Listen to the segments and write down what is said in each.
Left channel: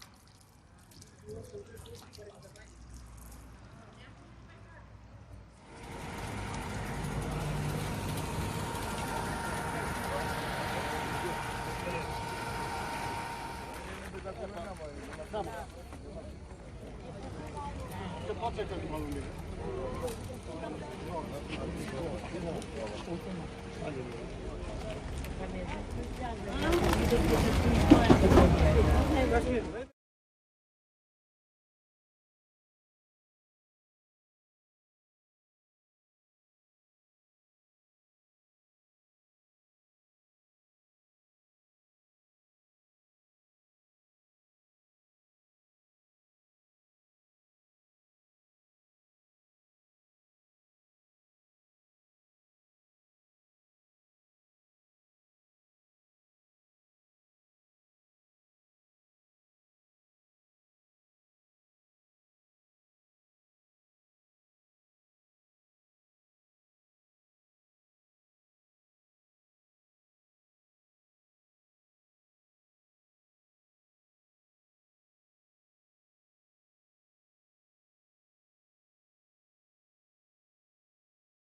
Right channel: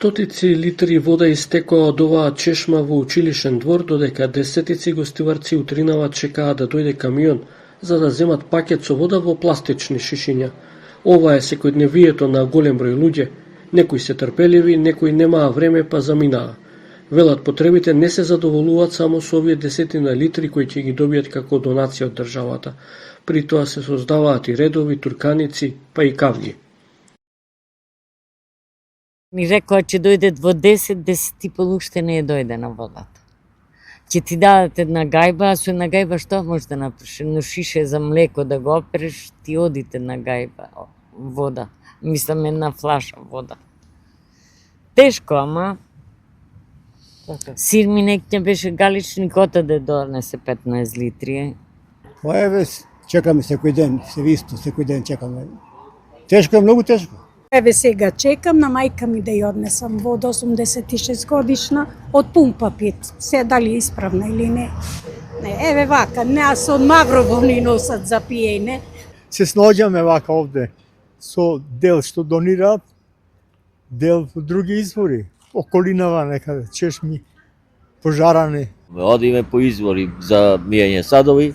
Стотици литри вода истекоа од оваа чешма во училишен двор, додека десетици гостиварци утринава чекаат да дојде камион за да земат пакет со вода во пластични шишиња. Ова е секојдневието на голем број луѓе. Некои се трпеливи, некои немаа време па заминаа. Велат потребите не се задоволуваат само со овие десетина литри кои ќе ги добијат како донација од државата. При тоа се создаваат и редови, турканици, па и кавги. Ми рекоа че дојдат во 10 и пол уште не е дојдена водата. Ќе ти дадат една гајба, а со една гајба што можеш да направиш? Едно шише за млеко да го опереш, ти одите на гајба вода. Мислам една флаша вода. Тешко, ама сир ми некој беше галични кота да донесе 15 литри. Еве, чекаме секој ден, се висто, секој ден чекаме. Тешко е, многу тешко. Еве сега чекам на мајка ми да ја однесам вода, 86 годишна, од пумпа пит. Се дали исправна или не. Еве вака, нас од Маврово ни носат за пиење. Се снаоѓаме вака овде со дел што донираат, дел во други извори, околинава некаде, чешми, пожарани. Одиме по извори за мијање садови,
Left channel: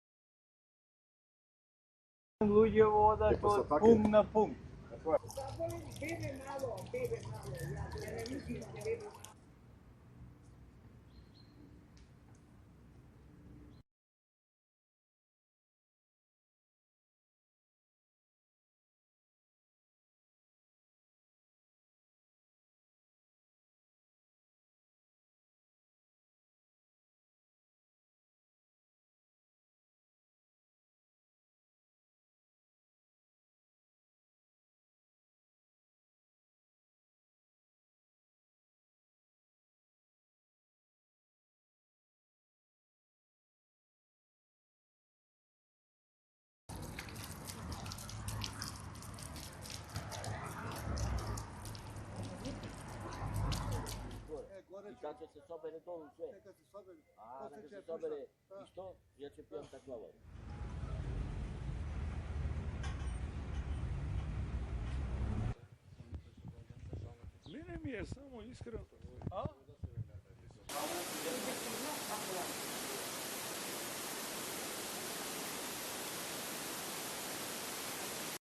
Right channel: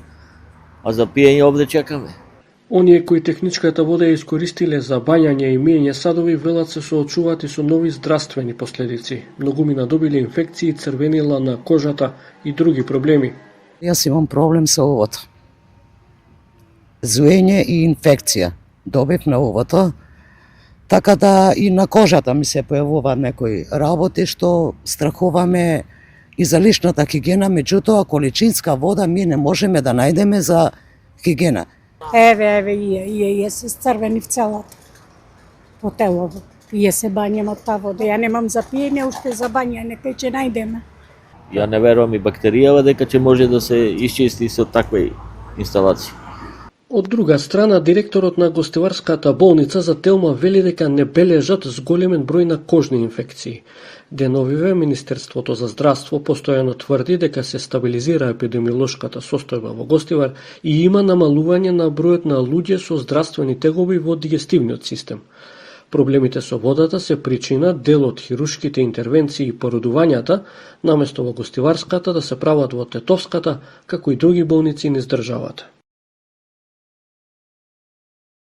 а за пиење овде чекаме. Оние кои техничката вода ја искористиле за бањање и миење садови велат се соочуваат и со нови здравствени последици. Многумина добиле инфекции, црвенила на кожата и други проблеми. Јас имам проблем со овото. Зуење и инфекција. Добив на овото, така да и на кожата ми се појавуваат некои работи што страхуваме и за личната хигиена, меѓутоа количинска вода ми не можеме да најдеме за хигиена. Еве, ие се црвени в целата, по телово. Ие се бањам од таа вода. Ја немам за пиење, уште за бањање, кај ќе најдеме. Ја не верувам и бактеријава дека ќе може да се исчисти со такви инсталации. Од друга страна, директорот на гостиварската болница за Телма вели дека не бележат зголемен број на кожни инфекции. Деновиве Министерството за здравство постојано тврди дека се стабилизира епидемиолошката состојба во Гостивар и има намалување на бројот на луѓе со здравствени тегоби во дигестивниот систем. Проблемите со водата се причина дел од хирушките интервенции и породувањата, наместо во Гостиварската да се прават во Тетовската, како и други болници низ државата.